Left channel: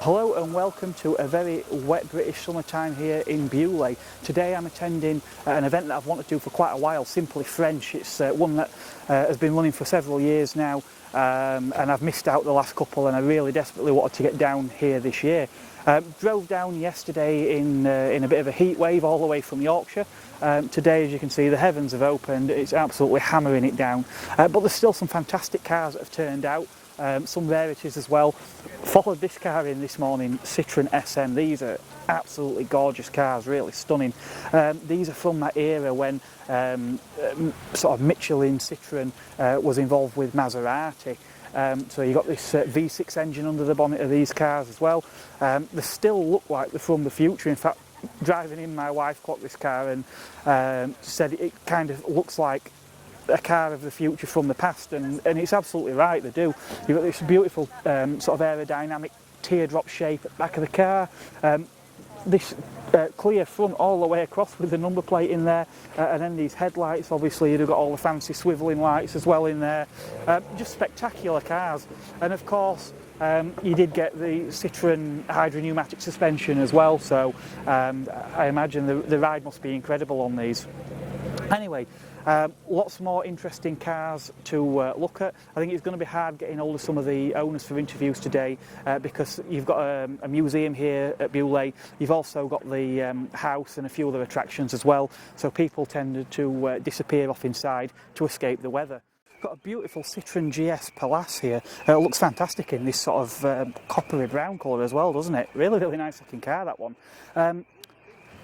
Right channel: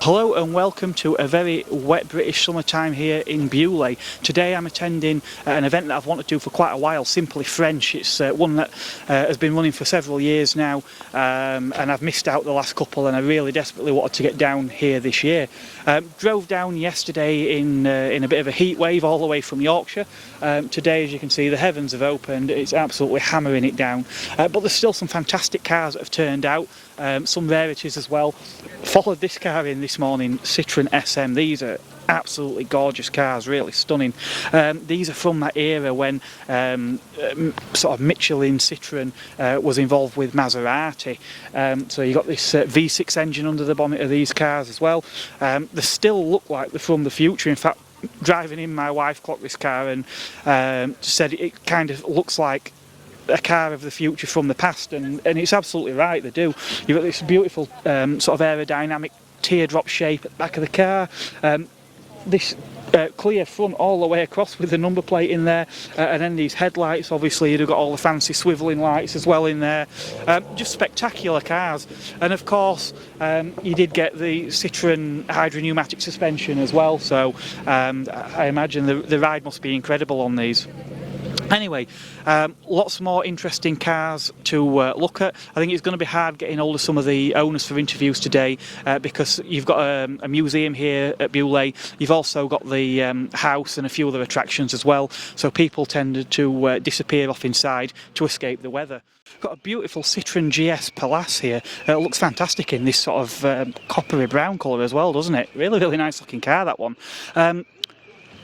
Hello and welcome to a very wet British summertime here in Beaulieu. Today I'm attending an event that I've wanted to do for quite a while, Simply French. It's one that has been running for several years now, and I've missed out the last couple, and I really desperately wanted to get down here this year. Drove down yesterday in a bit of a heat wave all the way from Yorkshire. Today, as you can see, the heavens have opened. It's absolutely hammering it down, but there's still some fantastic cars that have turned out. Some rarities as well. Followed this car in this morning, Citroen SM. These are absolutely gorgeous cars, really stunning. These are from that era when sort of Michelin Citroen was involved with Maserati. So you got this V6 engine under the bonnet of these cars as well. They still look like they're from the future. In fact, driving in, my wife clocked this car and said it kind of looks like a car of the future from the past, and it's absolutely right, they do. You've got this beautiful sort of aerodynamic teardrop shape at the back of the car, this clear front all the way across with the number plate in there, and then these headlights. Obviously you've got all the fancy swivelling lights as well in there. Just spectacular cars, and of course you did get the Citroen hydropneumatic suspension as well, so I imagine the ride must be incredible on these. Anyway, lots more interesting cars to look at. I think it's going to be hard getting hold of some of the owners for interviews today, because you've got a museum here at Beaulieu. You've also got the house and a few other attractions as well, so people tend to disappear off inside to escape the weather. Got a beautiful Citroen GS Palace here. It looks fantastic in this sort of coppery brown colour as well, doesn't it? Really nice looking car, that one.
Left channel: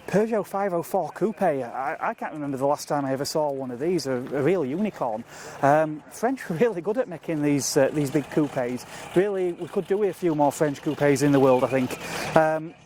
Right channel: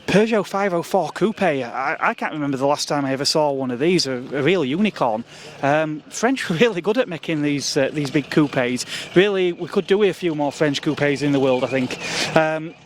Peugeot 504 Coupe, I can't remember the last time I ever saw one of these, a real unicorn. French were really good at making these big coupes. Really, we could do with a few more French coupes in the world, I think.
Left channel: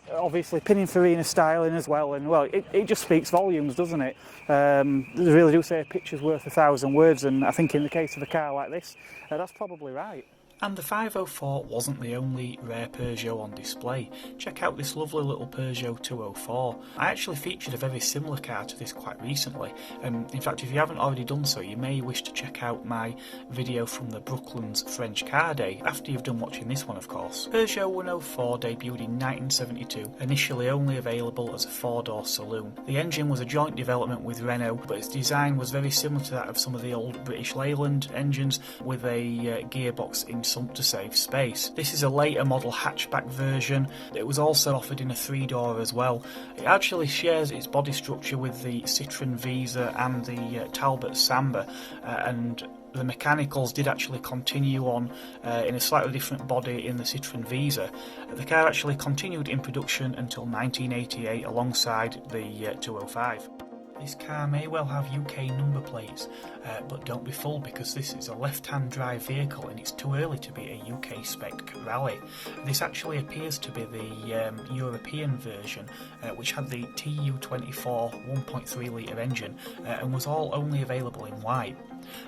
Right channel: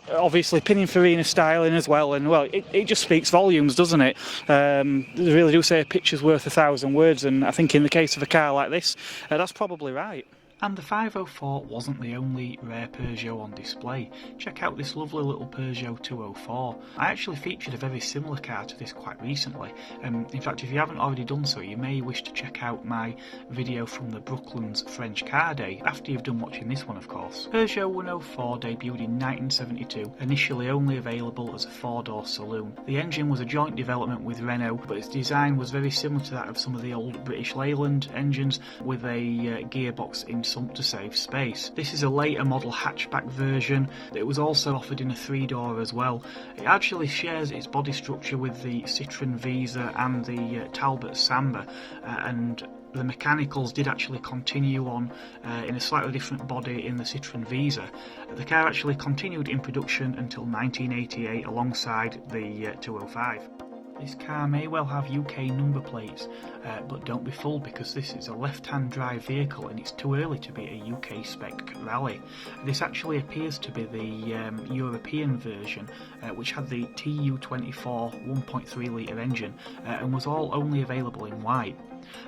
Obviously Pininfarina styling as well, and well, it just speaks volumes, doesn't it? They really do say a picture's worth 1,000 words, and I think in the case of a car like this, that's probably right. And the 504 wasn't the only rare Peugeot on display. Check out this lovely little Peugeot 204. I actually featured a very similar car to this quite recently. In fact, if you haven't already done so, you may wish to check out my video from the Brooklands French Car Day, after you've done watching this one, of course. Peugeot 104 debuted in 1972, initially only available as a 4-door saloon. The engine was a joint development with Renault, but its design was very similar to that of some of the old British Leyland engines, with a gearbox in to save space. This is a later model hatchback version. It was also offered in a 3-door as well. It actually shares its body structure with the Citroen Visa and the Talbot Samba, and the mechanicals did actually continue on in a slightly different body in the Citroen Visa. The car actually continued in production until 1988 alongside the 205. This car may well have UK number plates, but don't be fooled, because this is a left-hand drive vehicle and it's too early to be a UK spec rally. This actually appears to be the European version, which had the TU24 1.3 litre engine and was all only available in white.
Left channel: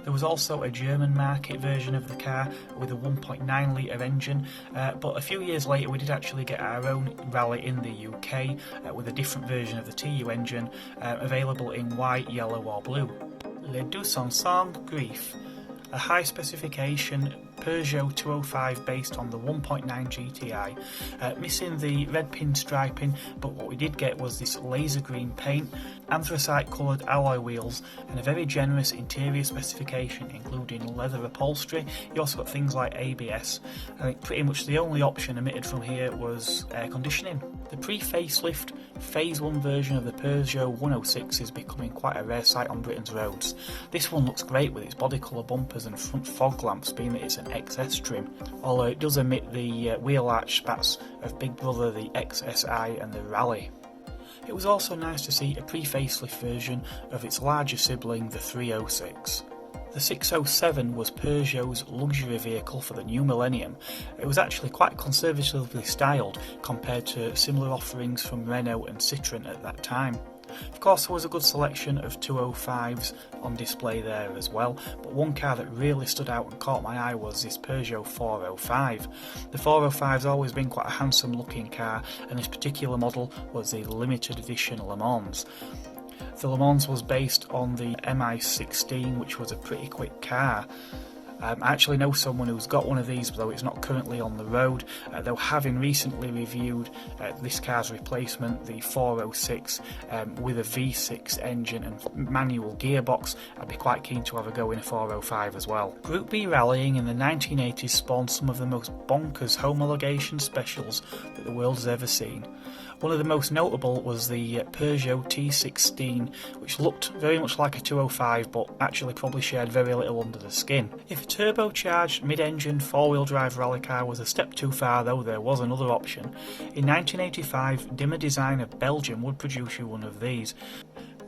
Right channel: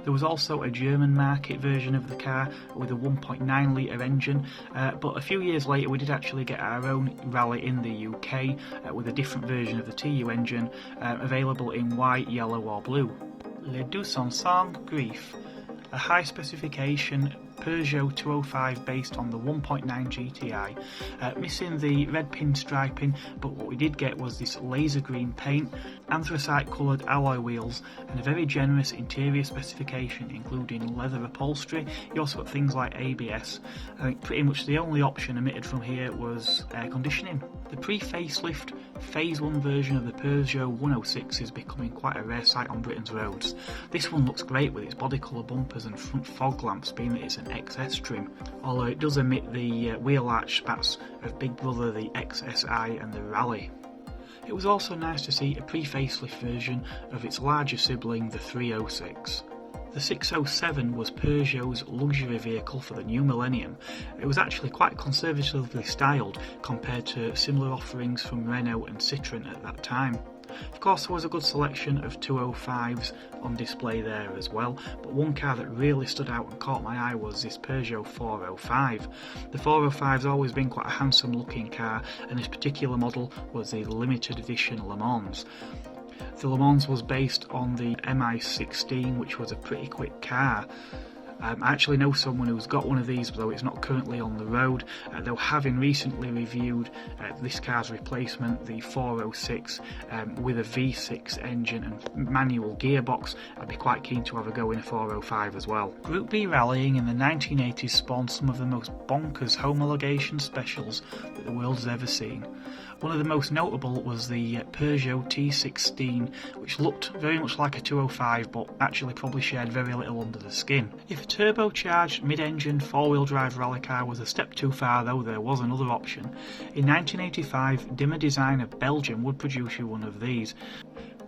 There was also a German market version of the car with a 1.9 litre engine, but a few years later we did actually get our own rally in the UK with a different version of the TU engine, available in white, yellow or blue. Les 205 Griff, a high specification Peugeot 205 based on the 1.9 GTI, missing the red pinstriping, but what we did get was this laser green paint, anthracite coloured alloy wheels, and a very generous interior specification including leather upholstery. You also got things like ABS. I think pretty much the only option omitted from here was air conditioning. The pre-facelift Phase 1 version of the Peugeot 106 is becoming quite a rare sight on Britain's roads. This one looks great with its body colour bumpers and front fog lamps, being that it's an XS trim, although it does omit the wheel arch spats of Big Brother, the XSI and the Rally. It was also nice to see a pre-facelift version of its larger sibling, the 306. The 607 was Peugeot's luxury vehicle for the new millennium. It was actually quite conservatively styled compared to similar offerings from Renault and Citroen at that time. Of course, there was a good selection of 205s on display there as well, but one car that really stood out and caught my eye was this Peugeot 405. The 405's always been quite a handsome looking car, and this particular model was the limited edition Le Mans. The Le Mans was based on the MI16, which was a pretty quick car. I actually know someone who's got one of these, though it's not currently on the road. Though having recently reviewed this car's replacement, the 406 with a V6 engine and manual gearbox, I'd be quite keen to have a go in a 405 as well. Group B rallying in the 1980s spawned some of the most bonkers homologation specials that the world has ever seen. One of the most notable was the Peugeot T16, which looked very much like a 205 but actually probably shared very little under the skin. If a turbocharged mid-engine four-wheel drive rally car was a step too far, though, there was another option. In 1985, Dimmer Design of Belgium would produce you one of these.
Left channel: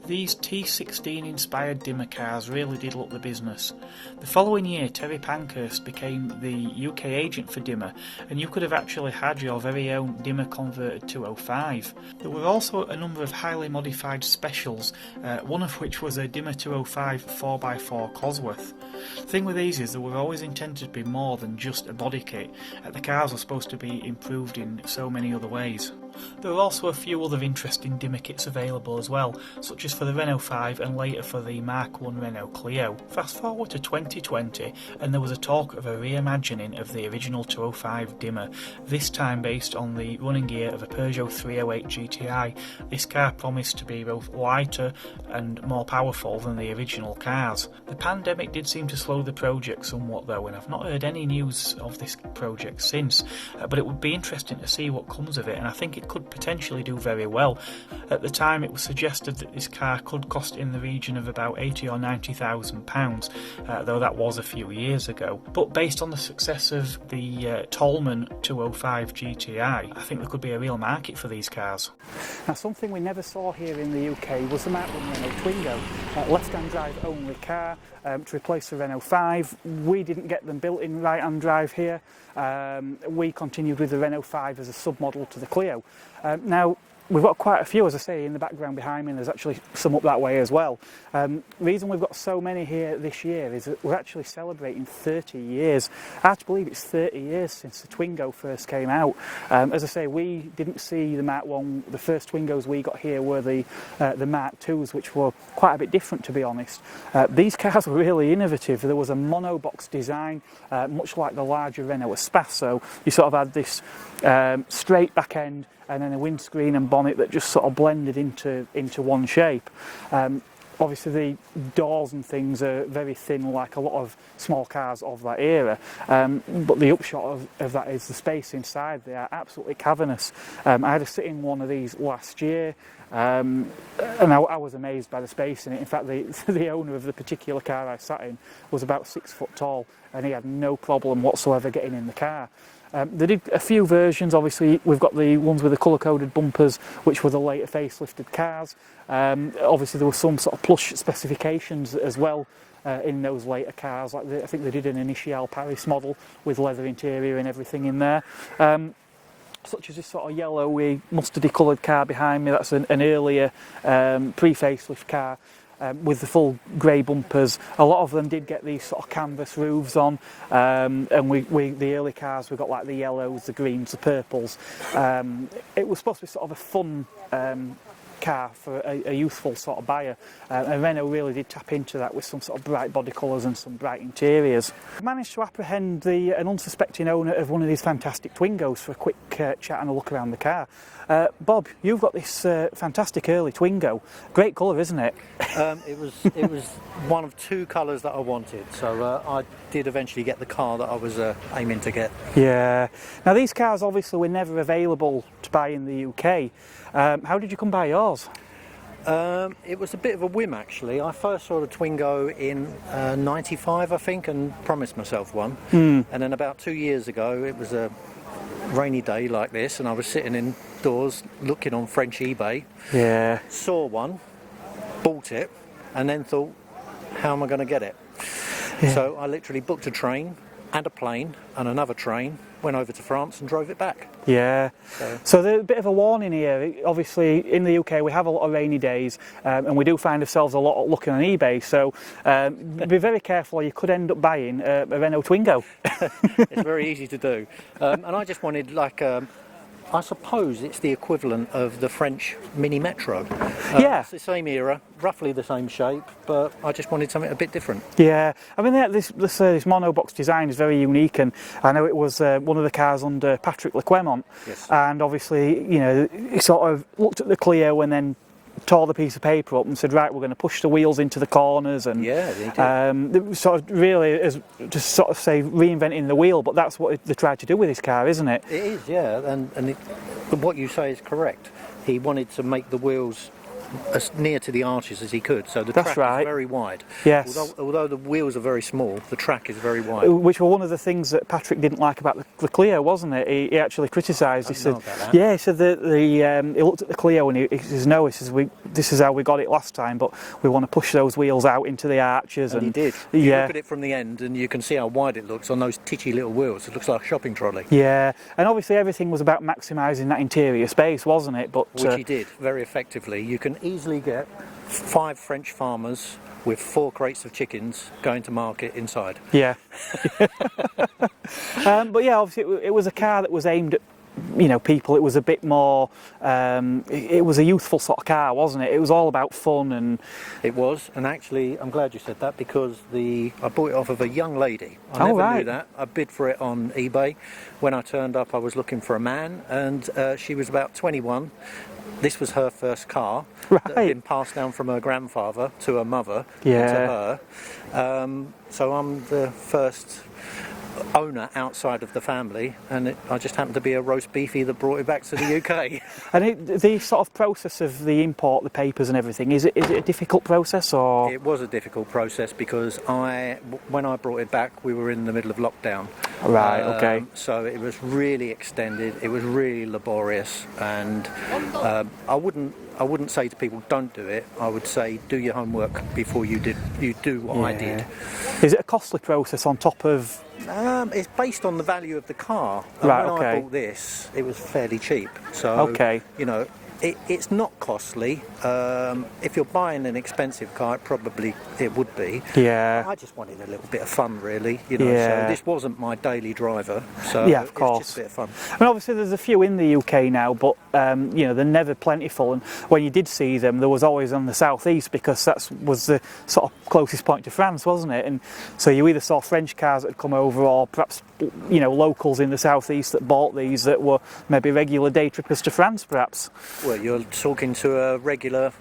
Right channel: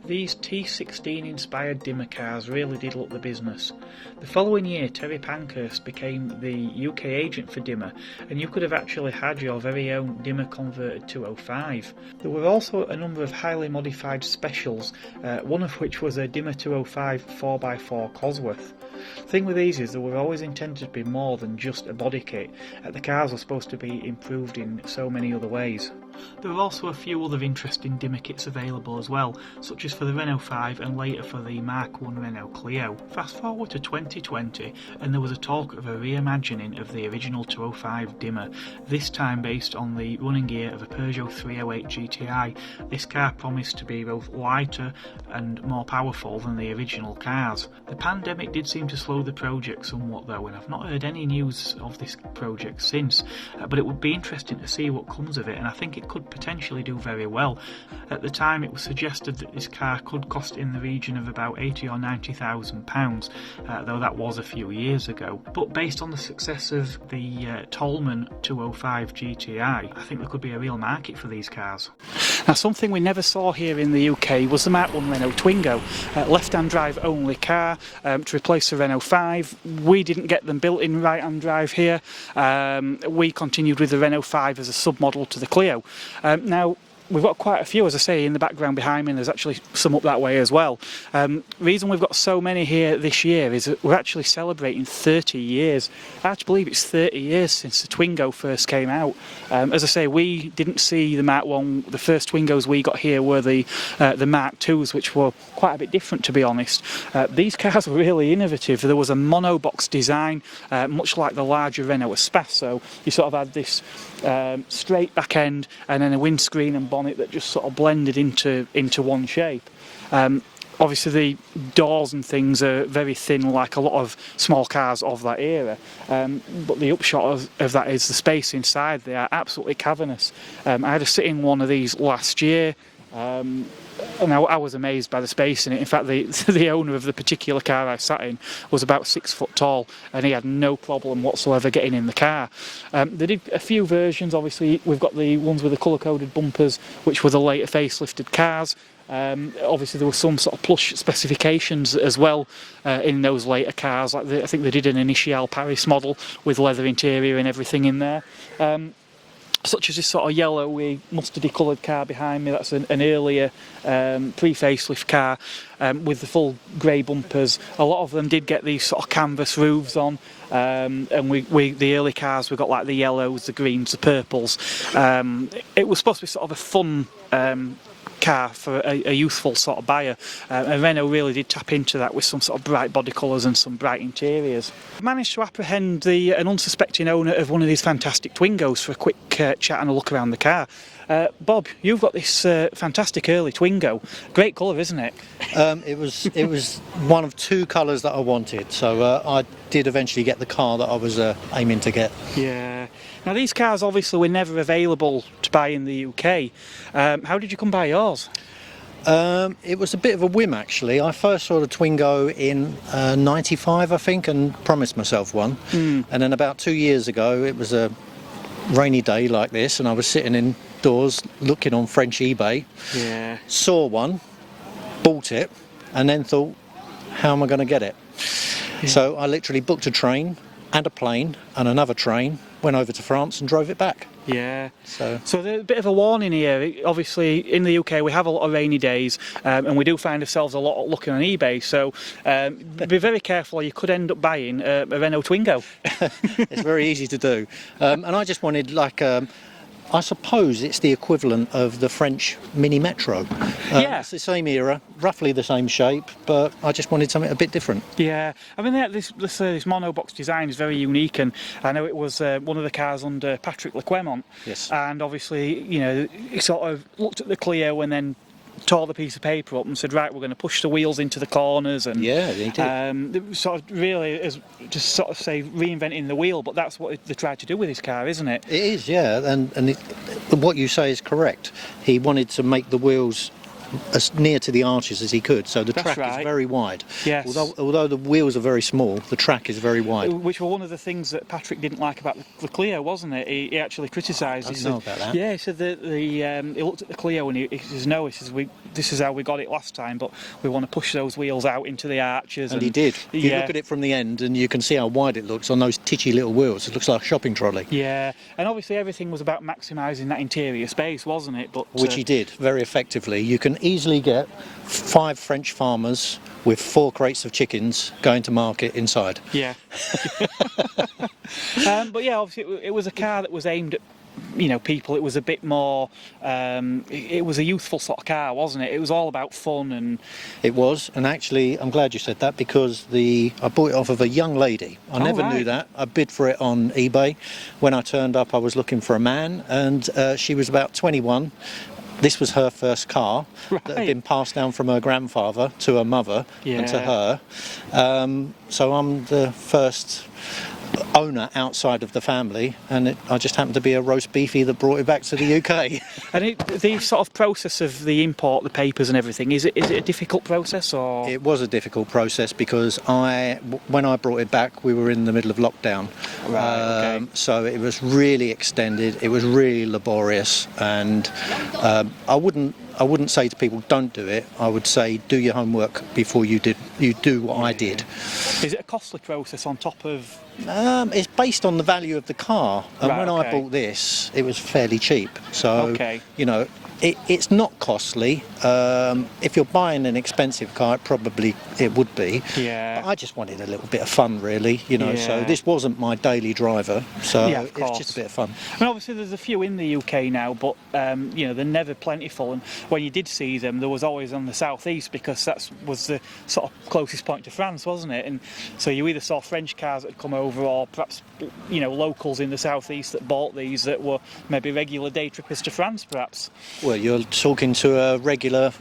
These T16 inspired Dimmer cars really did look the business. The following year, Terry Pankhurst became the UK agent for Dimmer, and you could have actually had your very own Dimmer converted 205. There were also a number of highly modified specials, one of which was a Dimmer 205 4x4 Cosworth. The thing with these is they were always intended to be more than just a body kit. The cars were supposed to be improved in so many other ways. There are also a few other interesting Dimmer kits available as well, such as for the Renault 5 and later for the Mk1 Renault Clio. Fast forward to 2020 and there was a talk of a reimagining of the original 205 Dimmer, this time based on the running gear of a Peugeot 308 GTI. This car promised to be both lighter and more powerful than the original cars. The pandemic did seem to slow the project somewhat though, and I've not heard any news of this project since, but it would be interesting to see what comes of it, and I think it could potentially do very well. At the time it was suggested that this car could cost in the region of about £80,000 or £90,000, though that was a few years ago. But based on the success of the Tolman 205 GTI, I think there could be a real market for these cars. Now, something we never saw here in the UK was the Mk1 Renault Twingo, left-hand drive only car to replace the Renault 5. We didn't get them built in right-hand drive here. We continued with the Renault 5 as a sub-model to the Clio. Now, we've got quite a few, as I say, in the background behind me, and there's actually some up that way as well. Reason we've got so many here this year is that we're actually celebrating 30 years. I have to believe it's 30 years since the Twingo first came out. As I say, we didn't see the Mk1. The first Twingos we got here were the Mark IIs, which were quite a bit different, to be honest. These cars were really innovative. There was a monobox design, much like the larger Renault Espace. You sort of had this straight back end and then a windscreen and bonnet that just sort of blended into one shape. Obviously the doors and things are very thin, like a lot of small cars of that era, but the upshot of that is the space inside. They are absolutely cavernous. I had a sit in one of these last year, and I was amazed by the space in it. In fact, the owner of the particular car I sat in was about 6 foot tall, and he had no problem whatsoever getting in the car. They did a few versions. Obviously, we've got the ones with the colour-coded bumpers, which were the later facelifted cars. Obviously, there were some sort of plush specifications as well in those later cars. Like I think they did an Initial Paris model with leather interior and everything in there. Such as this sort of yellowy, mustardy coloured car behind me. That's an earlier pre-facelift car with the full grey bumpers. A lot of them did get these sort of canvas roofs on, and the early cars, we got like the yellows, the greens, the purples. It was supposed to be sort of a fun car for a youthful sort of buyer, and Renault really did tap into that with some sort of bright body colours and some bright interiors. I managed to apprehend an unsuspecting owner of one of these fantastic Twingos for a quick chat and a look around the car. Bob, you've got this fantastic early Twingo. Great colour, isn't it? It was one of two colours that I wanted, so I did eventually get the car that I was aiming to get. Yeah. Now these cars obviously were never available to buy in the UK. How did you come by yours? It was a bit of a whim actually. I first saw the Twingo in '95, I think, and promised myself one. And then about 2 years ago, it was a rainy day like this, and I was sitting indoors looking on French eBay. Yeah. Saw one, bought it, and then thought, how am I going to get it? Yeah. So I literally booked a train and a plane and another train, went over to France and drove it back. Yeah. So there's a bit of a warning here. Obviously, in the UK, we have a lot of rainy days, and we do find ourselves a lot looking on eBay. So be very careful, or you could end up buying a Renault Twingo. It's very easy to do. And I just wanted like I suppose it's the equivalent of the French Mini Metro. Yeah. It's the same era, roughly the same shape, but I just wanted something a bit different. Yeah, I mean this monobox design is very unique, and I know it was one of the cars under Patrick Lequemont. Yes. And obviously, you know, he sort of looked at the Clio and then tore the piece of paper up and said, right, we're going to push the wheels into the corners, and Yeah, they did. sort of really is just sort of say reinventing the wheel, but that's what they tried to do with this car, isn't it? It is, yeah, and what you say is correct. He wanted to make the wheels as near to the arches as he could, so the That's track right. is very wide. Yes. Although the wheels are very small, the track is very wide. Which were one of the things that Patrick didn't like about the Clio, wasn't it? He actually criticised. He said, know about that. yeah, he said that he looked at the Clio and he says, no, he says, this is how we got it last time, but we want to push those wheels out into the arches. And he did. If you Yeah. look at it from the end, and you can see how wide it looks on those titchy little wheels. It looks like a shopping trolley. Yeah, and obviously everything was about maximising that interior space, wasn't it? But Which he did very effectively. You can easily get 5 French farmers with 4 crates of chickens going to market inside. yeah. But yeah, obviously it was a car that was aimed at, you know, people. It was a bit more, it was a youthful sort of car, wasn't it? It was all about fun. And It was, and actually, I'm glad you said that, because I bought it off of a young lady. I never knew right. that. I bid for it on eBay. When I turned up, I was looking for a man, and she was about 21. This was her first car that had Right. been passed down from her grandfather to her mother and to Yeah. her. So I'm the first owner outside of the family, and I just happened to be a roast beefy that brought it back to the UK. And the sort of process of the import, the papers and everything, is it a difficult process, or? It was a difficult process because when I brought it back, we were in the middle of lockdown. Right, okay. So it was really extended. It was really laborious, and I wouldn't say to people don't do it. I would say do your homework before you do what I did. Is it a costly process on top of? It's based on the value of the car. And Right, when okay. I bought this, it was fairly cheap. So, Okay. you know, it's not costly. If you're buying an expensive car, it would be. Yeah. I just wanted a little bit of fun, really. You know, Yeah. so this wasn't my daily driver. So Yeah, of it's course. just a bit of fun. I mean, obviously there's a few in the UK now, but you know, they're never plentiful. And when you did see them, there was always on the southeast, because that was the sort of closest point to France, wasn't it? And so you either saw French cars that had come over, or perhaps, you know, locals in the southeast that bought these that were maybe regular day trippers to France, perhaps. Well, you're talking to a regular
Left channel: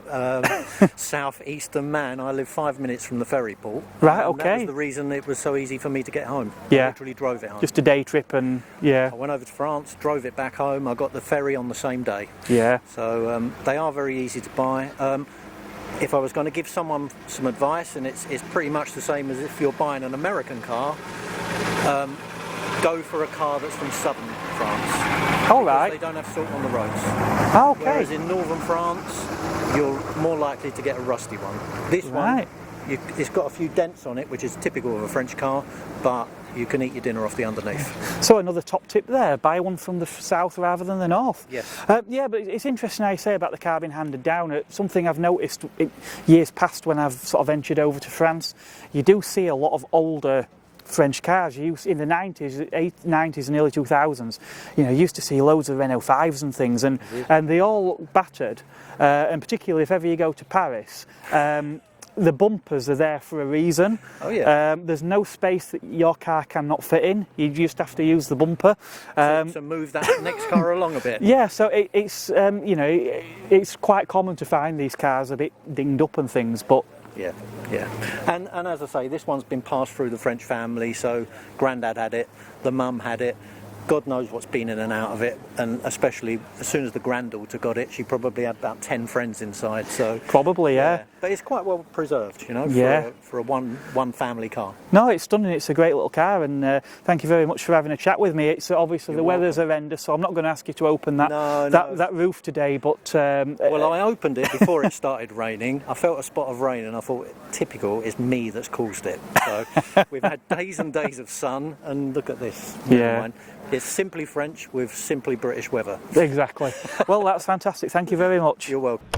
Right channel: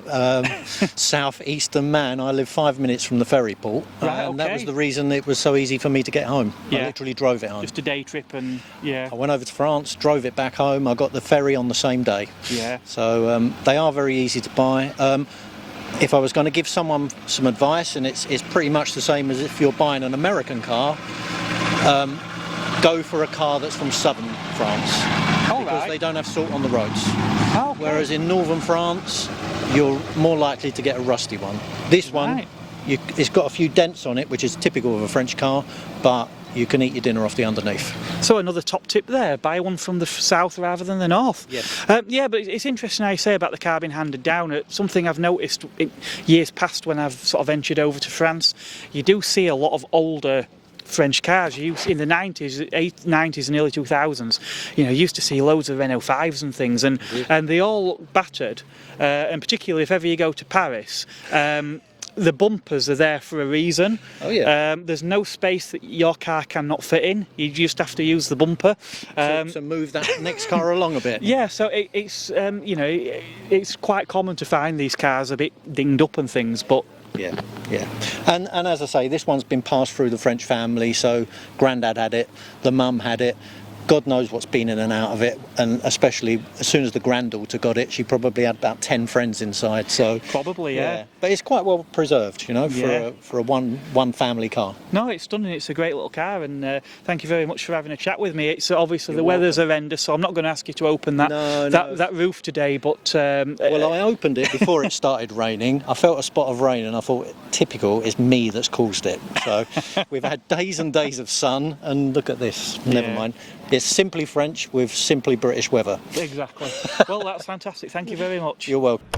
southeastern man. I live 5 minutes from the ferry port. Right, and That was okay. the reason it was so easy for me to get home. Yeah. I literally drove it home. Just a day trip, and yeah, I went over to France, drove it back home. I got the ferry on the same day. yeah. So they are very easy to buy. If I was going to give someone some advice, and it's pretty much the same as if you're buying an American car, go for a car that's from southern France. All Because right. they don't have salt on the roads. Oh, okay. Whereas in northern France, you're more likely to get a rusty one. This one, Right. it's got a few dents on it, which is typical of a French car, but you can eat your dinner off the underneath. So another top tip there, buy one from the south rather than the north. Yes. Yeah, but it's interesting how you say about the car being handed down. Something I've noticed in years past when I've sort of ventured over to France, you do see a lot of older French cars. In the 90s and early 2000s, you know, you used to see loads of Renault 5s and things, and they all look battered, and particularly if ever you go to Paris, the bumpers are there for a reason. Oh, yeah. There's no space that your car cannot fit in. You just have to use the bumper. So move that next car along a bit. Yeah, so it's you know, it's quite common to find these cars a bit dinged up and things, but Yeah. And as I say, this one's been passed through the French family, so Grandad had it, the mum had it. God knows what's been in and out of it, and especially as soon as the granddaughter got it, she probably had about 10 friends inside. So probably, yeah. But it's quite well preserved, you know, Yeah. for a one family car. No, it's stunning. It's a great little car, and thank you very much for having a chat with me. It's obviously the weather's horrendous, so I'm not going to ask you to open that No. that roof today. But Well, I opened it before it started raining. I felt a spot of rain, and I thought, typical, it's me that's caused it. So we've had days and days of sun, and look at this. Never Yeah. mind. It's simply French with simply British weather. exactly. Well, that's fantastic. Thank you very much. You're welcome.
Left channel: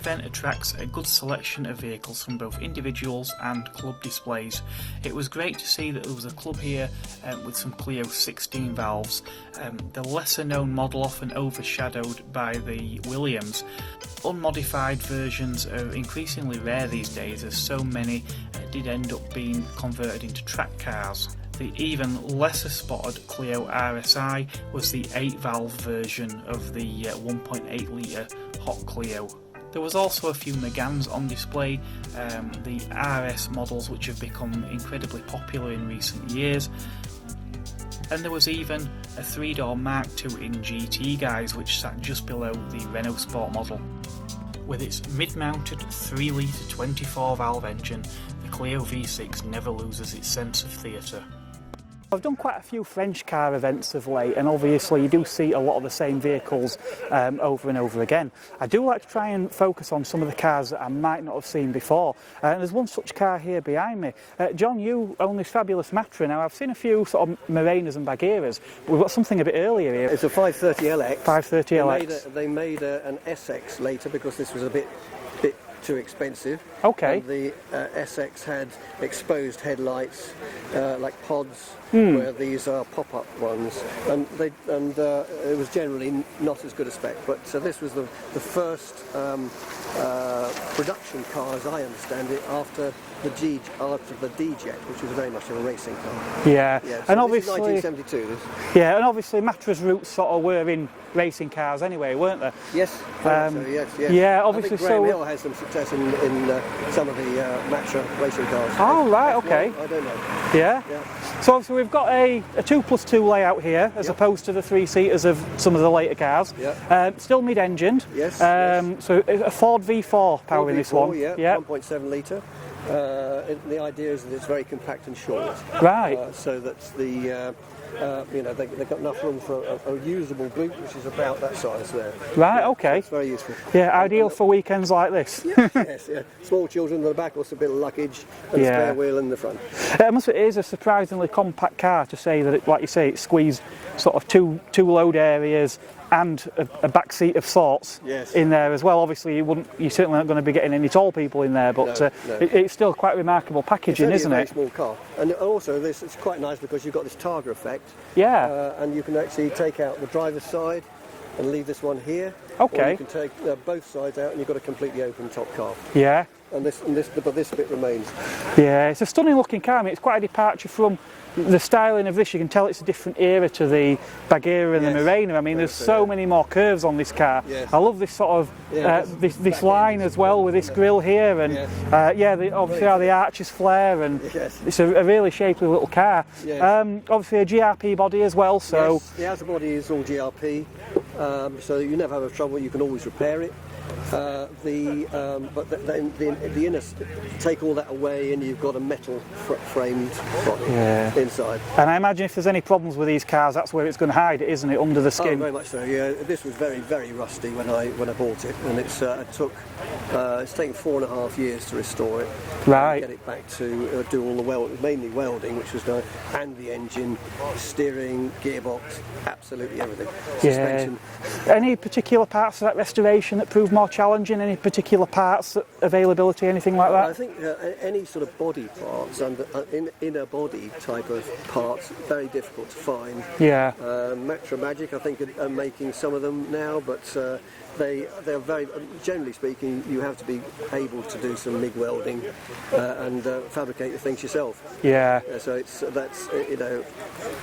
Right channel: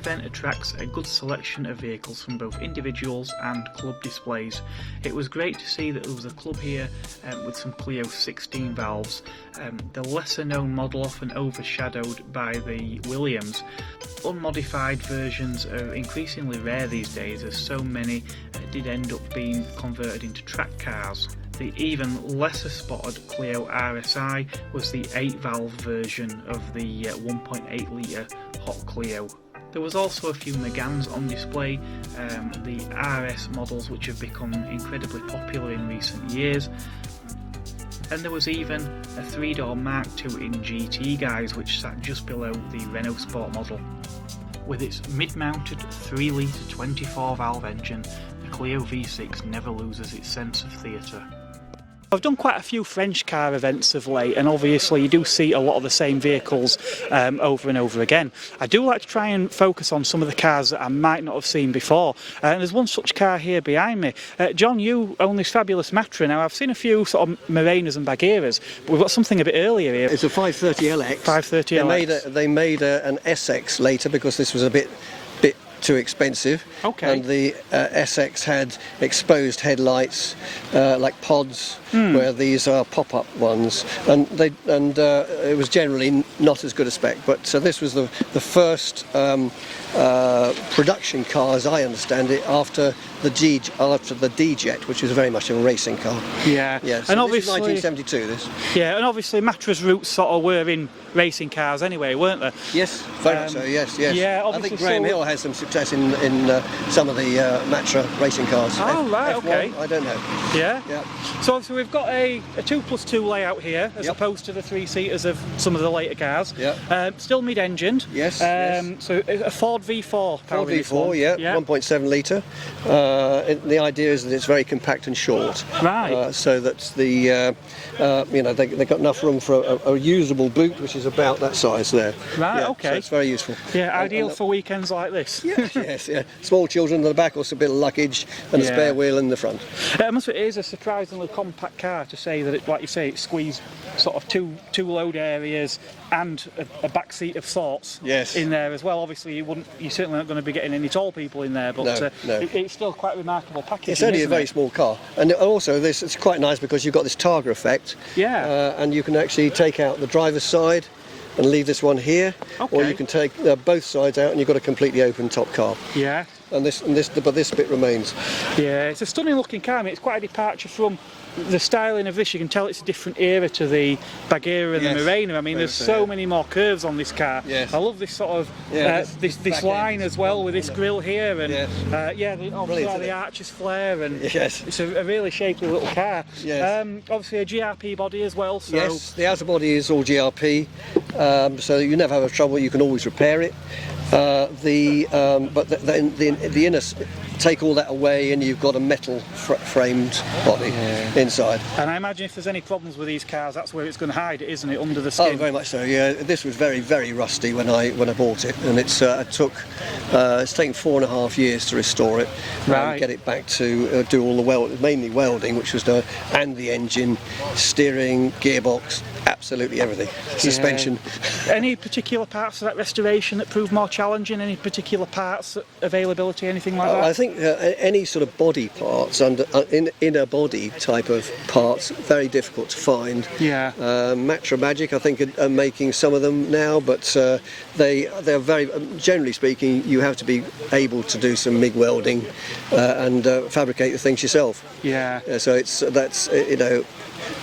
event attracts a good selection of vehicles from both individuals and club displays. It was great to see that there was a club here with some Clio 16 valves, the lesser known model often overshadowed by the Williams. Unmodified versions are increasingly rare these days, as so many did end up being converted into track cars. The even lesser spotted Clio RSI was the 8-valve version of the 1.8 litre Hot Clio. There was also a few Megans on display, the RS models which have become incredibly popular in recent years, and there was even a 3-door Mark II in GT guise which sat just below the Renault Sport model. With its mid-mounted 3-litre 24-valve engine, the Clio V6 never loses its sense of theatre. I've done quite a few French car events of late, and obviously you do see a lot of the same vehicles over and over again. I do like to try and focus on some of the cars that I might not have seen before, and there's one such car here behind me. John, you own this fabulous Matra. Now I've seen a few sort of Murenas and Bagheeras, but we've got something a bit earlier here. It's a 530LX. 530LX. They made an SX later because this was a bit too expensive. Okay. And the SX had exposed headlights, like pods, where these are pop-up ones, and it was generally not as good a spec. But so this was the first production car, as I understand it, after the D-Jet, which was very much a racing car. Yeah. Yeah. So And this obviously, is 1972. This. yeah, and obviously Matra's roots sort of were in racing cars anyway, weren't they? Yes, very much so. Yes. Yeah, obviously. I think Graham Hill has some success in some of the Matra racing cars. Oh, right, okay. I don't know. Yeah. So obviously we've got a 2+2 layout here, as opposed to the 3-seaters of some of the later cars. Yeah. Still mid-engined. Yes. So a Ford V4 powering this one. Yeah. 1.7 litre. The idea is that it's very compact and short. Right. So that the they've got enough room for a usable boot, which is about that size there. Right. Yeah, Okay. So it's very useful. Yeah. Ideal for weekends like this. Yes. Yeah. Small children in the back, also a bit of luggage, and a spare wheel in the front. It is a surprisingly compact car, to say that, like you say, it squeezed sort of two load areas and a back seat of sorts in there as well. Obviously, you certainly aren't going to be getting any tall people in there, but no. It's still quite remarkable packaging, It's only isn't a very it? small car, and also it's quite nice because you've got this Targa effect. Yeah. And you can actually take out the driver's side and leave this one here, or you can take both sides out, and you've got a completely open top car. Yeah. But this bit remains. Yeah, it's a stunning looking car. I mean, it's quite a departure from the styling of this. You can tell it's a different era to the Bagheera and the Murena. I mean, there's so many more curves on this car. Yes. I love this sort of this line as well, with this grille here, and obviously how the arches flare, and it's a really shapely little car. Yes. Obviously a GRP body as well. So yes, the outer body is all GRP, so you never have trouble. You can always repair it. But the inner, take all that away, and you've got a metal framed body inside. And I imagine if there's any problems with these cars, that's where it's going to hide it, isn't it, under the skin? Oh, very much so. Yeah, this was very, very rusty when I bought it, and it's taken 4.5 years to restore it, get it back to do all the mainly welding, which was done, and the engine, steering, gearbox, absolutely everything, suspension. Any particular parts of that restoration that proved more challenging? Any particular parts, availability, anything like that? I think any sort of body parts, inner body type of parts, very difficult to find. Yeah. Matra Magic, I think, are making some of them now, but they're very, generally speaking, you have to be able to do some MIG welding and fabricate the things yourself. Yeah. So that's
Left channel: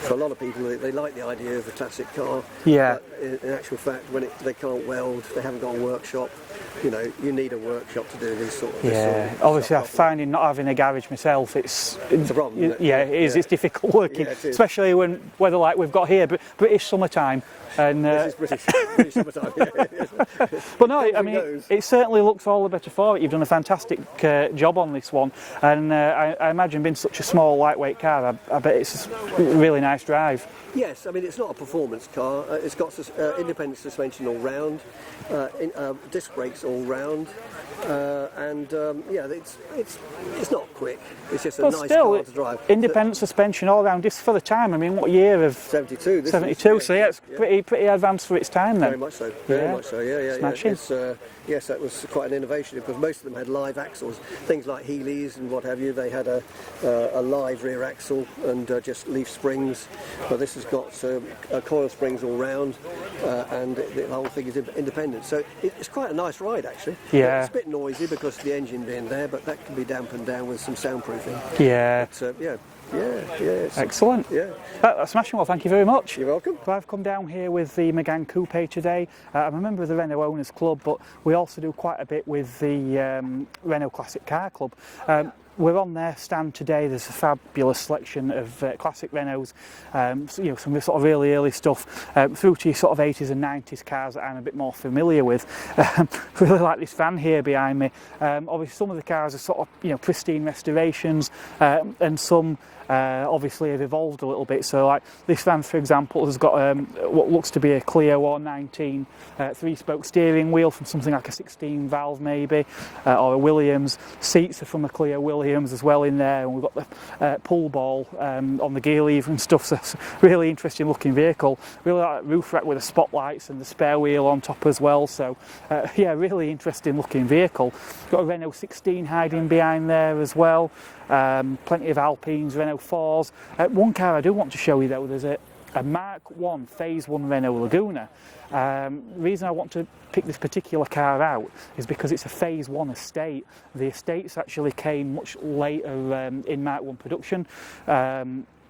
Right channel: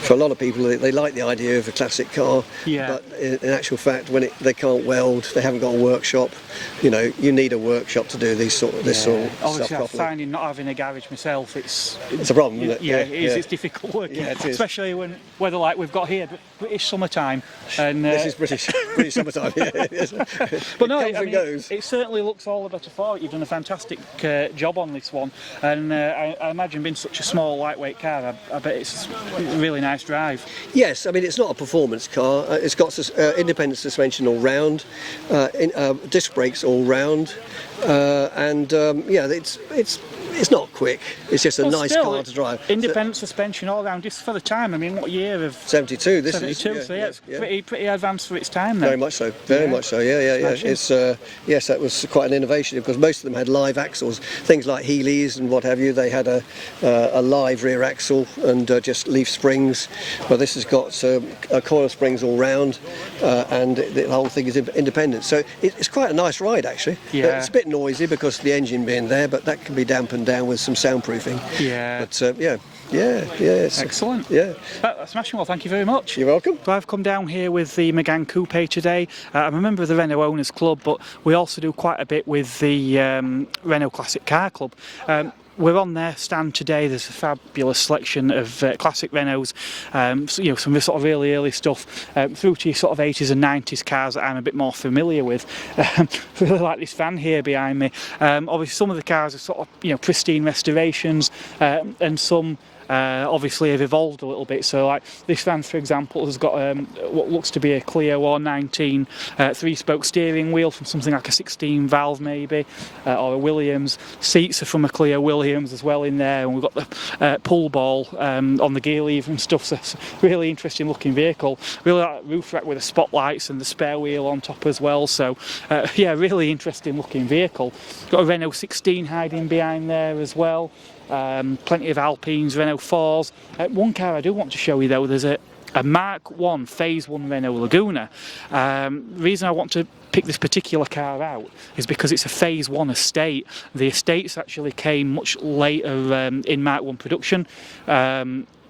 for a lot of people, they like the idea of a classic car. Yeah. But in actual fact, when they can't weld, they haven't got a workshop. You need a workshop to do this sort of Obviously, stuff I'm finding not having a garage myself, it's a problem. Isn't it? Yeah, it is. It's difficult working, especially when weather like we've got here, but British summertime. And this is British summertime. But no, I mean, it certainly looks all the better for it. You've done a fantastic job on this one, and I imagine being such a small, lightweight car, I bet it's a really nice drive. Yes, I mean, it's not a performance car. It's got independent suspension all round, disc brakes all round, Yeah, it's not quick. It's just a But nice still, car to drive. independent suspension all round. This for the time. I mean, what year of 72. This 72? is, So yeah, it's pretty advanced for its time then. Very much so. Very much so. Yeah. Smashing. It's yes, that was quite an innovation because most of them had live axles. Things like Heelys and what have you. They had a live rear axle and just leaf springs. Well, this has got coil springs all round, and the whole thing is independent. So it's quite a nice ride actually. Yeah. It's a bit noisy because of the engine being there, but that can be dampened down with some soundproofing. Yeah. But it's, Excellent. Yeah. That's smashing. Well, thank you very much. You're welcome. So I've come down here with the Mk1 Coupe today. I'm a member of the Renault Owners Club, but we also do quite a bit with the Renault Classic Car Club. We're on their stand today. There's a fabulous selection of classic Renaults, so, some sort of really early stuff, through to your sort of 80s and 90s cars that I'm a bit more familiar with. Really like this van here behind me. Obviously, some of the cars are sort of pristine restorations, and some obviously have evolved a little bit. So like this van, for example, has got what looks to be a Clio or 19 three-spoke steering wheel from something like a 16 valve maybe, or a Williams. Seats are from a Clio Williams as well in there, and we've got the pull ball on the gear lever and stuff. So it's a really interesting looking vehicle. Really like that roof rack with the spotlights and the spare wheel on top as well. So yeah, really interesting looking vehicle. Got a Renault 16 hiding behind there as well. Plenty of Alpines, Renault 4s. One car I do want to show you though, there's a Mark 1 Phase 1 Renault Laguna. The reason I want to pick this particular car out is because it's a Phase 1 estate. The estates actually came much later in Mark 1 production.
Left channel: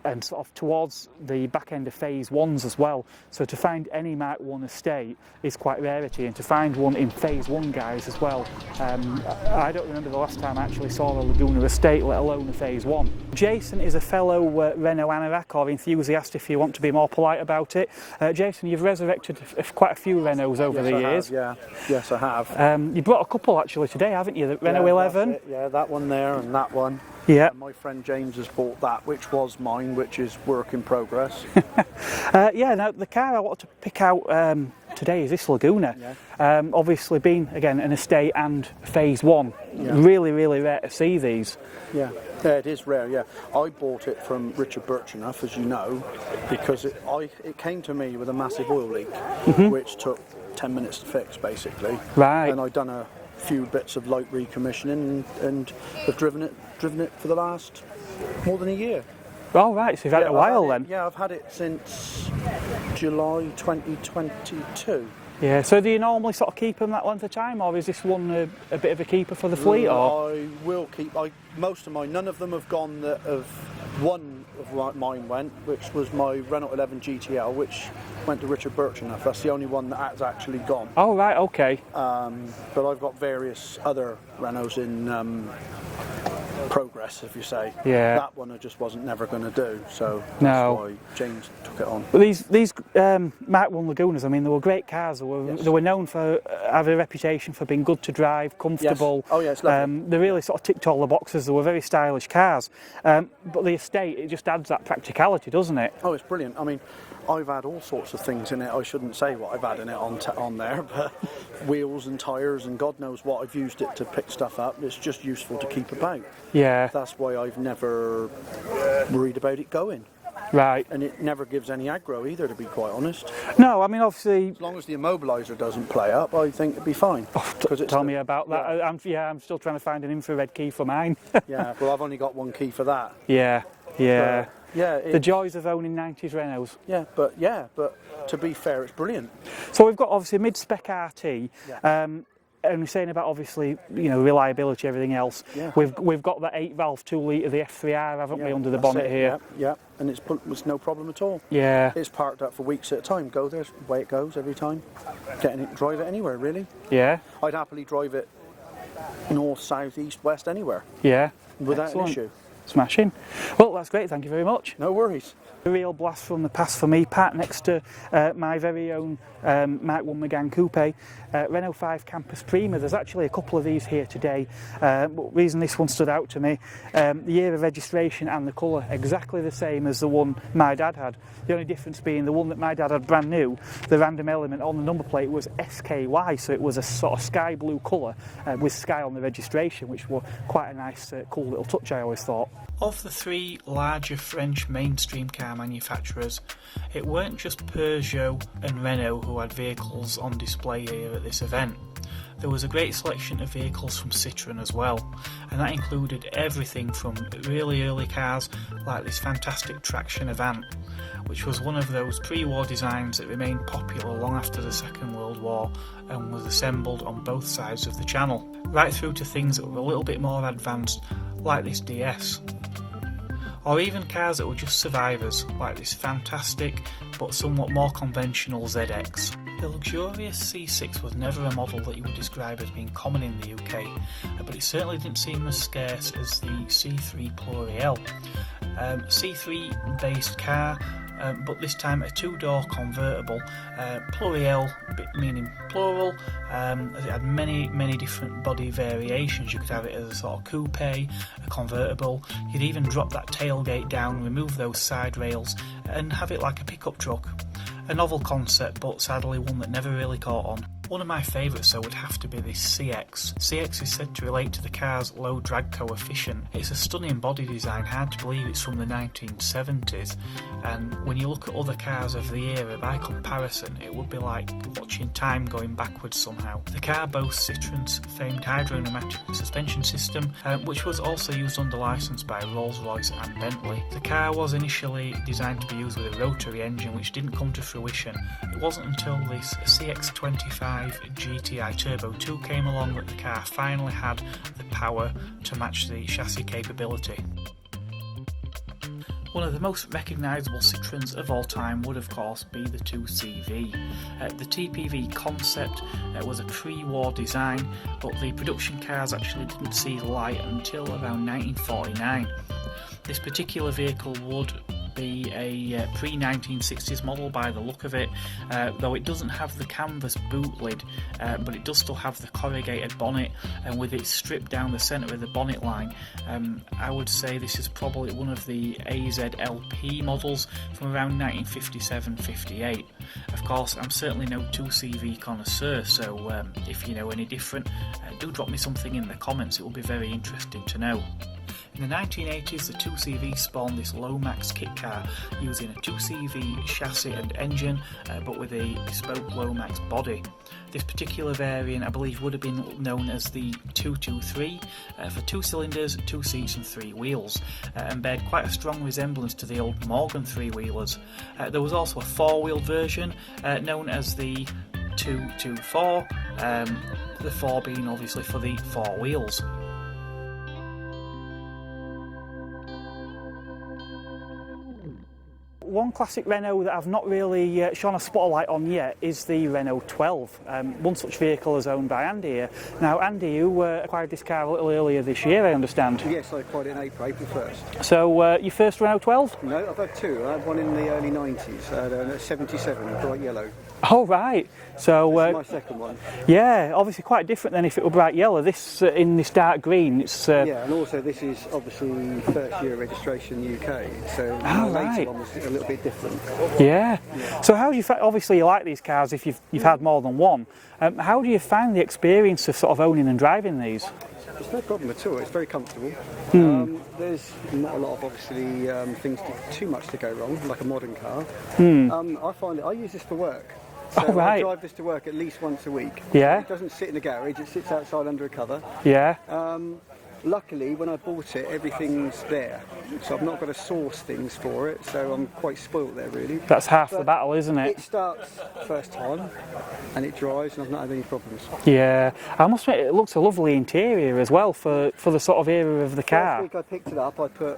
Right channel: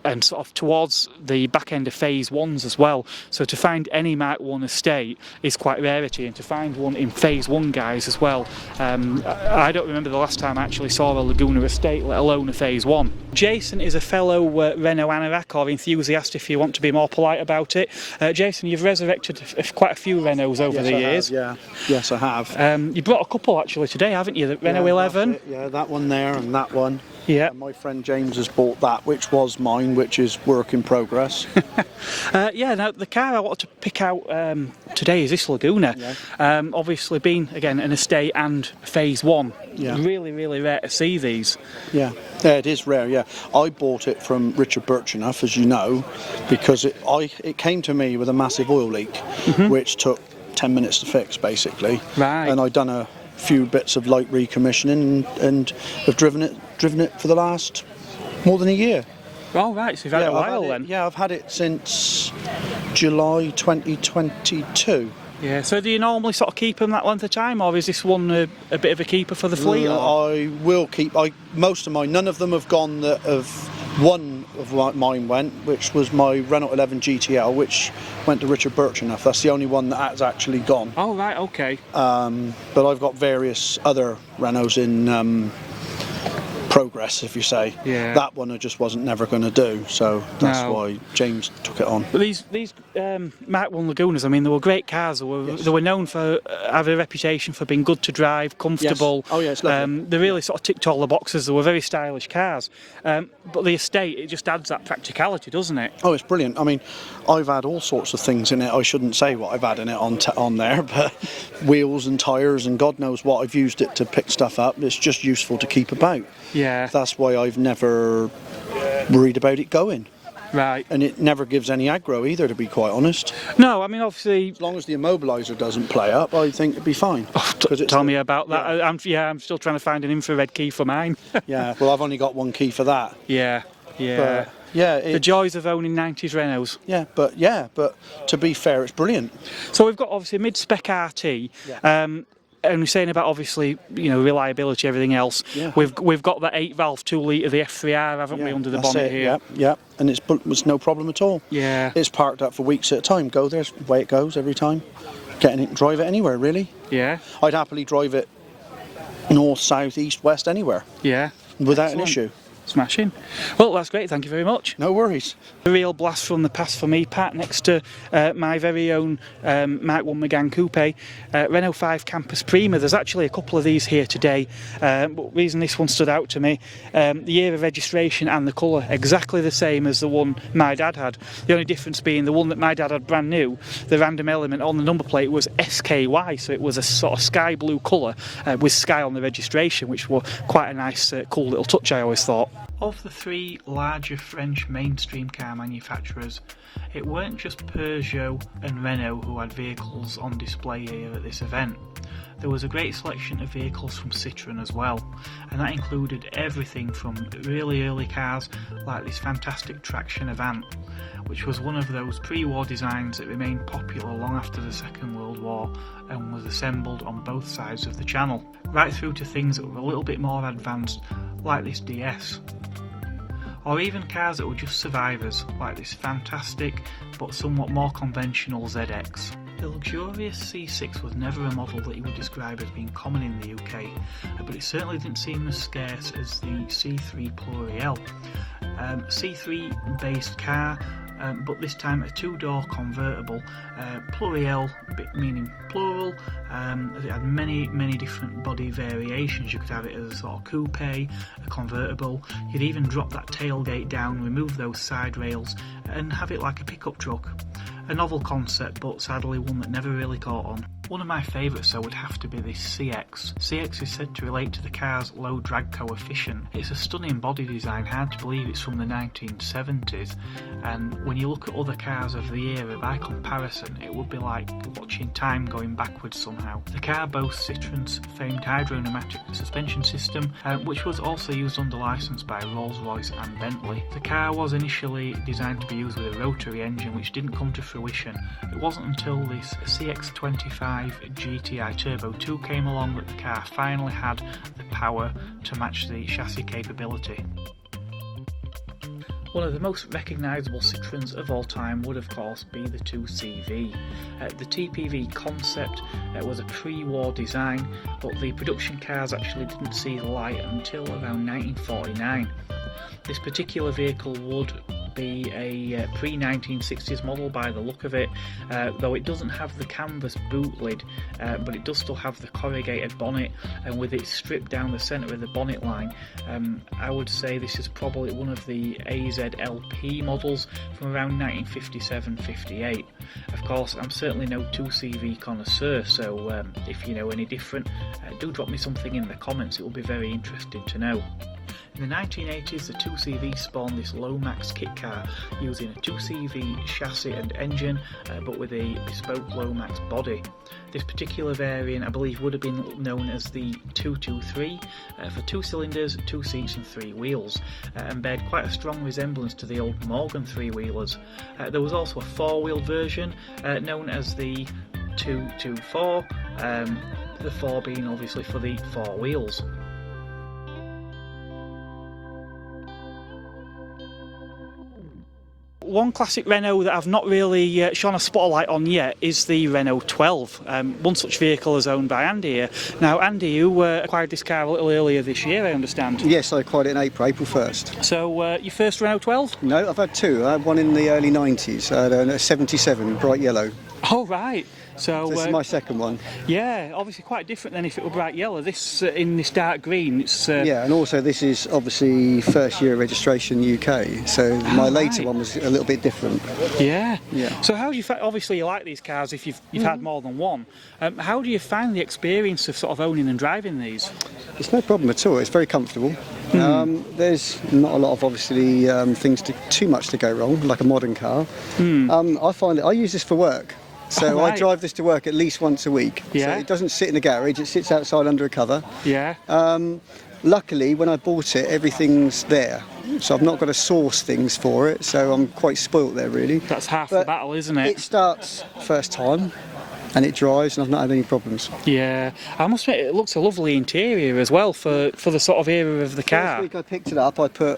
And sort of towards the back end of Phase 1s as well. So to find any Mark 1 estate is quite rarity, and to find one in Phase 1 guys as well. I don't remember the last time I actually saw a Laguna estate, let alone a Phase 1. Jason is a fellow Renault anorak, or enthusiast if you want to be more polite about it. Jason, you've resurrected quite a few Renaults over the years. Yes, I have. You brought a couple actually today, haven't you? The Renault 11? Yeah, that one there and that one. Yeah. And my friend James has bought that, which was mine, which is work in progress. Yeah, now the car I wanted to pick out today is this Laguna. Yeah. Obviously being, again, an estate and Phase 1. Yeah. Really, really rare to see these. Yeah, it is rare, yeah. I bought it from Richard Birchenough, as you know, because it came to me with a massive oil leak, which took 10 minutes to fix, basically. Right. And I'd done a few bits of light recommissioning and have driven it for the last more than a year. Oh right, so you've had it a while then. Yeah, I've had it since July 2022. Yeah, so do you normally sort of keep them that length of time, or is this one a bit of a keeper for the fleet? Or? I will keep, most of mine, none of them have gone that have, one of mine went, which was my Renault 11 GTL, which went to Richard Birchenough. That's the only one that has actually gone. Oh right, okay. But I've got various other Renaults in progress, if you say. Yeah. That one I just wasn't never going to do, so that's why James took it on. But these Mark 1 Lagunas, I mean, they were great cars. They were known for having a reputation for being good to drive, comfortable. Yes. Oh yeah, it's lovely. They really sort of ticked all the boxes. They were very stylish cars. But the estate, it just adds that practicality, doesn't it? Oh, it's brilliant. I mean, I've had all sorts of things in it. I shouldn't say what I've had in it on there, but wheels and tyres and God knows what. I've used it to pick stuff up. It's just useful to keep about. Yeah. That's why I've never worried about it going. Right. And it never gives any aggro either, to be quite honest. No, I mean, obviously... As long as the immobiliser doesn't play up, I think it'd be fine. Oh, tell me about that. Yeah. I'm still trying to find an infrared key for mine. Yeah, well, I've only got one key for that. Yeah. The joys of owning 90s Renaults. Yeah, but to be fair, it's brilliant. So we've got obviously a mid-spec RT. Yeah. And we're saying about obviously reliability, everything else. Yeah. We've got that 8-valve 2-litre the F3R, haven't we, under the bonnet here? Yeah, and it's no problem at all. Yeah. It's parked up for weeks at a time. Go there, the way it goes every time. Drive it anywhere really. Yeah. I'd happily drive it north, south, east, west, anywhere. Yeah. Without an issue. Smashing. Well, that's great, thank you very much. No worries. A real blast from the past for me, Pat, next to my very own Mk1 Megane Coupe, Renault 5 Campus Prima. There's actually a couple of these here today, but the reason this one stood out to me, the year of registration and the colour, exactly the same as the one my dad had. The only difference being the one that my dad had brand new, the random element on the number plate was SKY, so it was a sort of sky blue colour with sky on the registration, which were quite a nice, cool little touch, I always thought. Of the three larger French mainstream car manufacturers, it weren't just Peugeot and Renault who had vehicles on display here at this event. There was a great selection of vehicles from Citroen as well, and that included everything from really early cars like this fantastic traction Avant, which was one of those pre-war designs that remained popular long after the Second World War and was assembled on both sides of the channel, right through to things that were a little bit more advanced like this DS. Or even cars that were just survivors, like this fantastic but somewhat more conventional ZX. The luxurious C6 was never a model that you would describe as being common in the UK, but it certainly didn't seem as scarce as the C3 Pluriel. C3 based car, but this time a two-door convertible, Pluriel meaning plural, as it had many different body variations. You could have it as a sort of coupe, a convertible, you'd even drop that tailgate down, remove those side rails and have it like a pickup truck. A novel concept, but sadly one that never really caught on. One of my favourites though would have to be this CX. CX is said to relate to the car's low drag coefficient. It's a stunning body design, hard to believe it's from the 1970s, and when you look at other cars of the era, by comparison it would be like watching time going backwards somehow. The car boasts Citroen's famed hydro-pneumatic suspension system, which was also used under licence by Rolls-Royce and Bentley. The car was initially designed to be used with a rotary engine, which didn't come to fruition. It wasn't until this CX-25 GTI Turbo 2 came along that the car finally had the power to match the chassis capability. One of the most recognisable Citroens of all time would of course be the 2CV. The TPV concept was a pre-war design, but the production cars actually didn't see the light until around 1949. This particular vehicle would be a pre-1960s model by the look of it, though it doesn't have the canvas boot lid, but it does still have the corrugated bonnet, and with it stripped down the centre of the bonnet line, I would say this is probably one of the AZLP models from around 1957-58. Of course, I'm certainly no 2CV connoisseur, so if you know any different, do drop me something in the comments, it will be very interesting to know. In the 1980s, the 2CV spawned this Lomax kit car using a 2CV chassis and engine, but with a bespoke Lomax body. This particular variant, I believe, would have been known as the 223 for 2 cylinders, 2 seats and 3 wheels, and bared quite a strong resemblance to the old Morgan 3-wheelers. There was also a 4-wheel version known as the 224, the 4 being obviously for the 4 wheels. One classic Renault that I've not really shone a spotlight on yet is the Renault 12. One such vehicle is owned by Andy here. Now Andy, you acquired this car a little earlier this year, I understand. Yes, I acquired it in April 1st. So your first Renault 12? No, I've had two. I had one in the early 90s. I had a 77, bright yellow. Oh right. So this is my second one. Yeah, obviously quite different than if it were bright yellow. This in this dark green. It's yeah, and also this is obviously first year registration UK. So my later one was a little bit different. Yeah. Yeah. So how do you obviously you like these cars if you've had more than one? How do you find the experience of sort of owning and driving these? It's no problem at all. It's very comfortable. There's not a lot of obviously things too much to go wrong, like a modern car. I find I use this for work. So I drive this to work at least once a week. Yeah. So it doesn't sit in the garage, it sits outside under a cover. Yeah. Luckily, when I bought it, everything's there. So I've not got to source things for it, so I'm quite spoilt there, really. That's half the battle, isn't it? It starts first time, and it drives, and I've not had any problems. Yeah. I must admit, it looks a lovely interior as well for the sort of era of the car. First week I picked it up, I put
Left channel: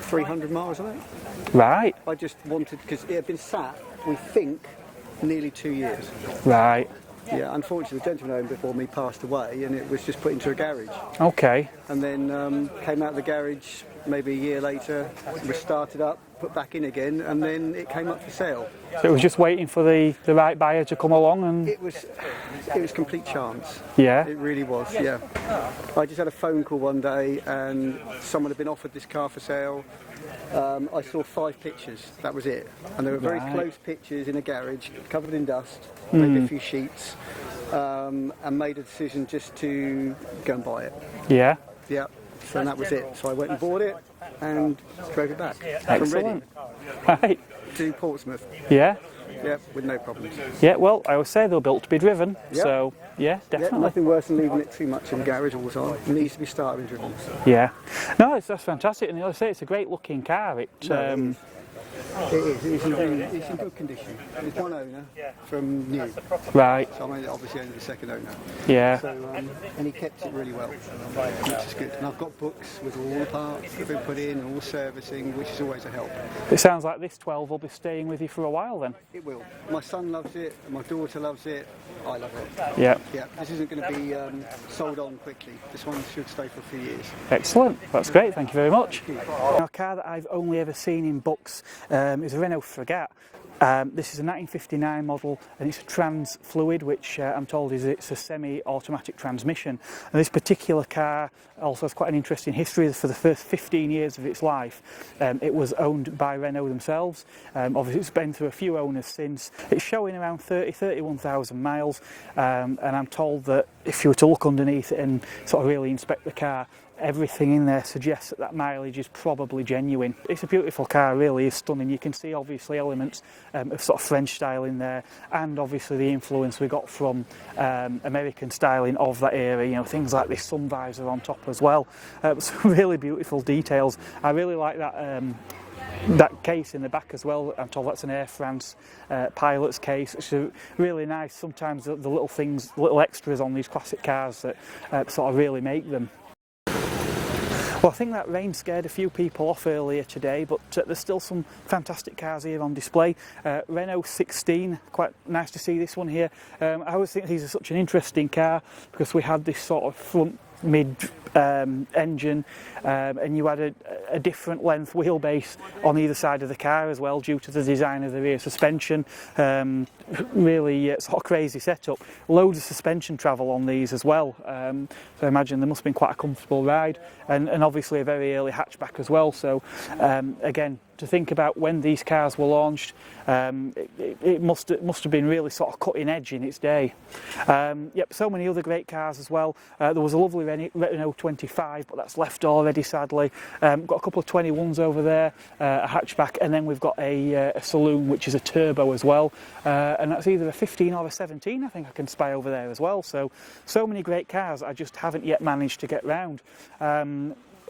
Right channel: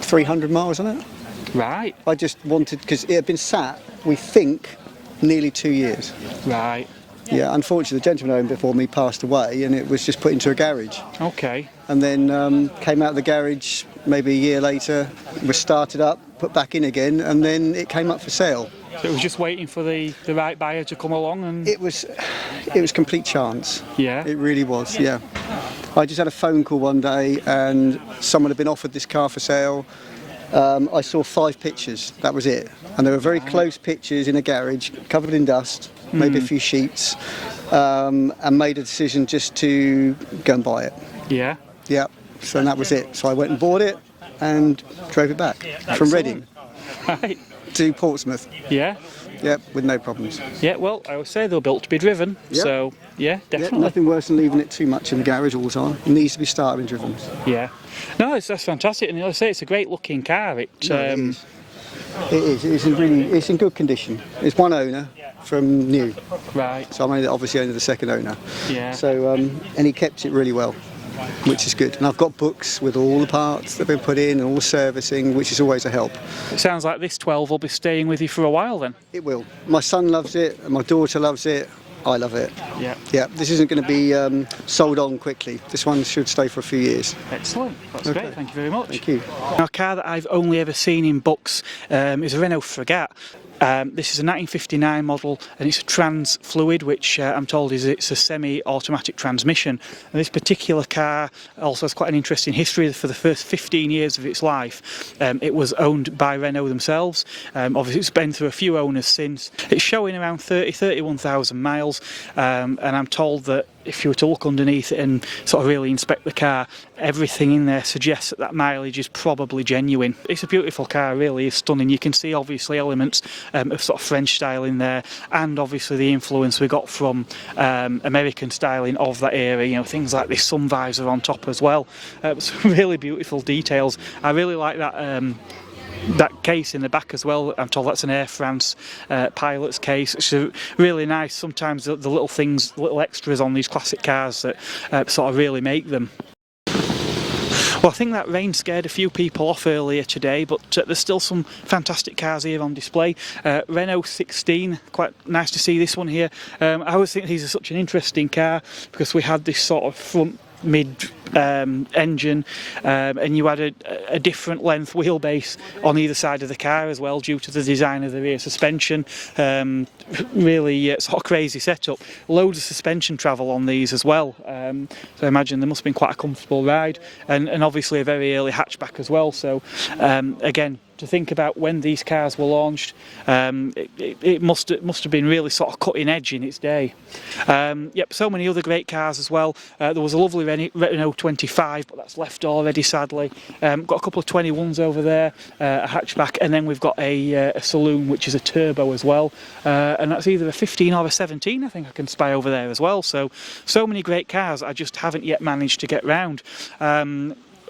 300 miles on it. Right. I just wanted, because it had been sat, we think, nearly 2 years. Right. Yeah, unfortunately, the gentleman who owned it before me passed away, and it was just put into a garage. Okay. And then came out of the garage maybe a year later, was started up, put back in again, and then it came up for sale. So it was just waiting for the right buyer to come along, and It was complete chance. yeah. It really was, yeah. I just had a phone call one day and someone had been offered this car for sale. I saw 5 pictures, that was it. And they were very close pictures in a garage, covered in dust, maybe a few sheets, and made a decision just to go and buy it. Yeah. Yeah, so that was it. So I went and bought it and drove it back from Reading Right. to Portsmouth. Yeah. Yeah, with no problems. Yeah. Well, I always say they're built to be driven. Yeah. So yeah, Yeah, definitely. nothing worse than leaving it too much in the garage all the time. It needs to be started and driven. Yeah. No, that's fantastic, and I say it's a great looking car. It No, it is. It is. It's in good condition. It's one owner from new, right. so I'm obviously only the second owner. Yeah. So and he kept it really well, which is good. And I've got books with all the parts that have been put in and all the servicing, which is always a help. It sounds like this 12 will be staying with you for a while then. It will. My son loves it, and my daughter loves it. I love it. Yeah. Yeah, this isn't going to be sold on quickly. This one should stay for a few years. Excellent. That's great. Thank you very much. Thank you. Now, a car that I've only ever seen in books is a Renault Frégate. This is a 1959 model, and it's a trans fluid, which I'm told it's a semi-automatic transmission. And this particular car also has quite an interesting history. For the first 15 years of its life, it was owned by Renault themselves. Obviously, it's been through a few owners since. It's showing around 31,000 miles, and I'm told that if you were to look underneath it and sort of really inspect the car, everything in there suggests that mileage is probably genuine. It's a beautiful car, really is stunning. You can see obviously elements of sort of French style in there, and obviously the influence we got from American styling of that era, you know, things like this sun visor on top as well. Some really beautiful details. I really like that case in the back as well. I'm told that's an Air France pilot's case. It's really nice. Sometimes the little things, little extras on these classic cars that sort of really make them. Well, I think that rain scared a few people off earlier today, but there's still some fantastic cars here on display. Renault 16, quite nice to see this one here. I always think these are such an interesting car because we had this sort of front mid engine, and you had a different length wheelbase on either side of the car as well due to the design of the rear suspension. Really sort of crazy setup. Loads of suspension travel on these as well, so I imagine there must have been quite a comfortable ride, and obviously a very early hatchback as well. So again, to think about when these cars were launched, it must have been really sort of cutting edge in its day. Yep, so many other great cars as well. There was a lovely Renault 25, but that's left already, sadly. Got a couple of 21s over there, a hatchback, and then we've got a saloon, which is a turbo as well, and that's either a 15 or a 17, I think I can spy over there as well. So many great cars I just haven't yet managed to get round.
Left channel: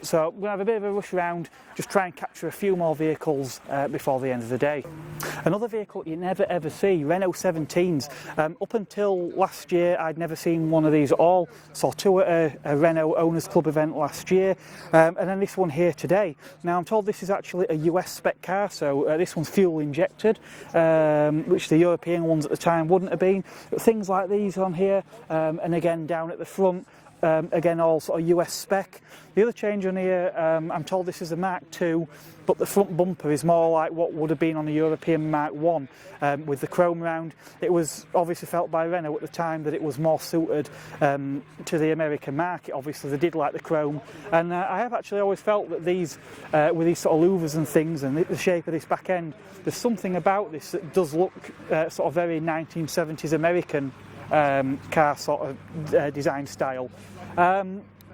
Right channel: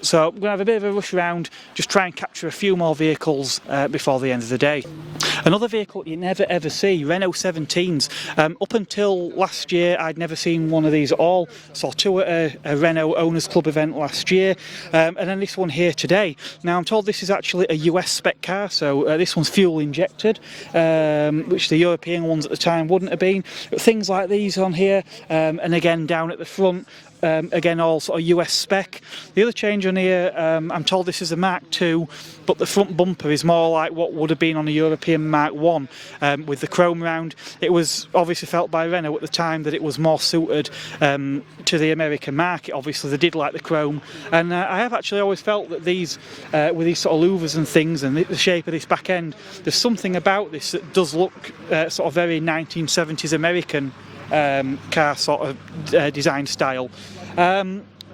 So I'm going to have a bit of a rush around, just try and capture a few more vehicles before the end of the day. Another vehicle you never ever see, Renault 17s. Up until last year I'd never seen one of these at all. Saw two at a Renault Owners Club event last year, and then this one here today. Now I'm told this is actually a US spec car, so this one's fuel injected, which the European ones at the time wouldn't have been. But things like these on here, and again down at the front, again all sort of US spec. The other change on here, I'm told this is a Mark II, but the front bumper is more like what would have been on a European Mark I, with the chrome round. It was obviously felt by Renault at the time that it was more suited to the American market. Obviously they did like the chrome, and I have actually always felt that these, with these sort of louvers and things and the shape of this back end, there's something about this that does look sort of very 1970s American car sort of design style.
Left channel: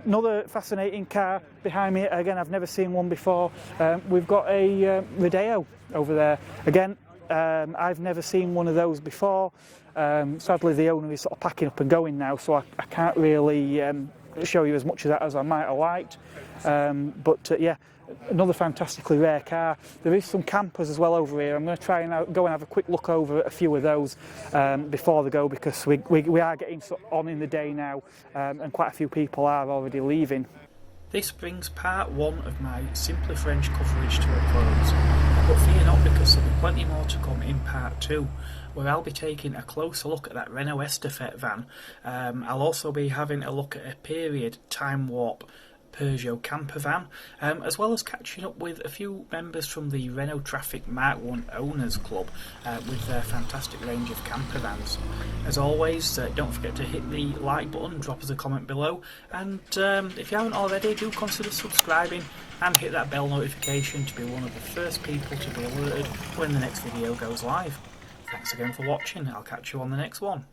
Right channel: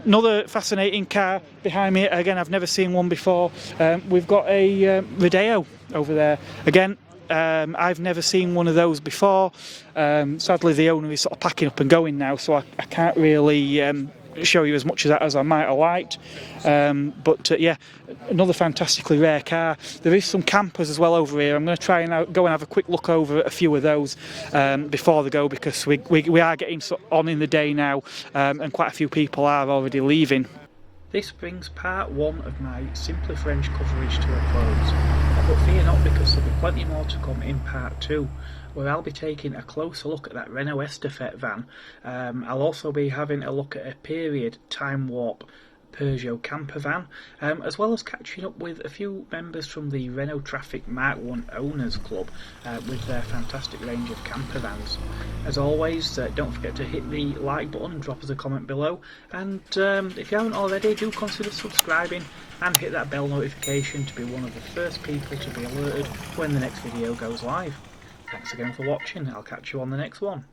Another fascinating car behind me, again I've never seen one before. We've got a Rodeo over there. Again, I've never seen one of those before. Sadly the owner is sort of packing up and going now, so I can't really show you as much of that as I might have liked. But yeah, another fantastically rare car. There is some campers as well over here. I'm going to try and go and have a quick look over at a few of those before they go, because we are getting on in the day now, and quite a few people are already leaving. This brings part one of my Simply French coverage to a close, but fear not, because there'll be plenty more to come in part two. where I'll be taking a closer look at that Renault Estafette van. I'll also be having a look at a period time warp Peugeot camper van, as well as catching up with a few members from the Renault Trafic Mk1 Owners Club with their fantastic range of camper vans. As always, don't forget to hit the like button, drop us a comment below, and if you haven't already, do consider subscribing and hit that bell notification to be one of the first people to be alerted when the next video goes live. Thanks again for watching, I'll catch you on the next one.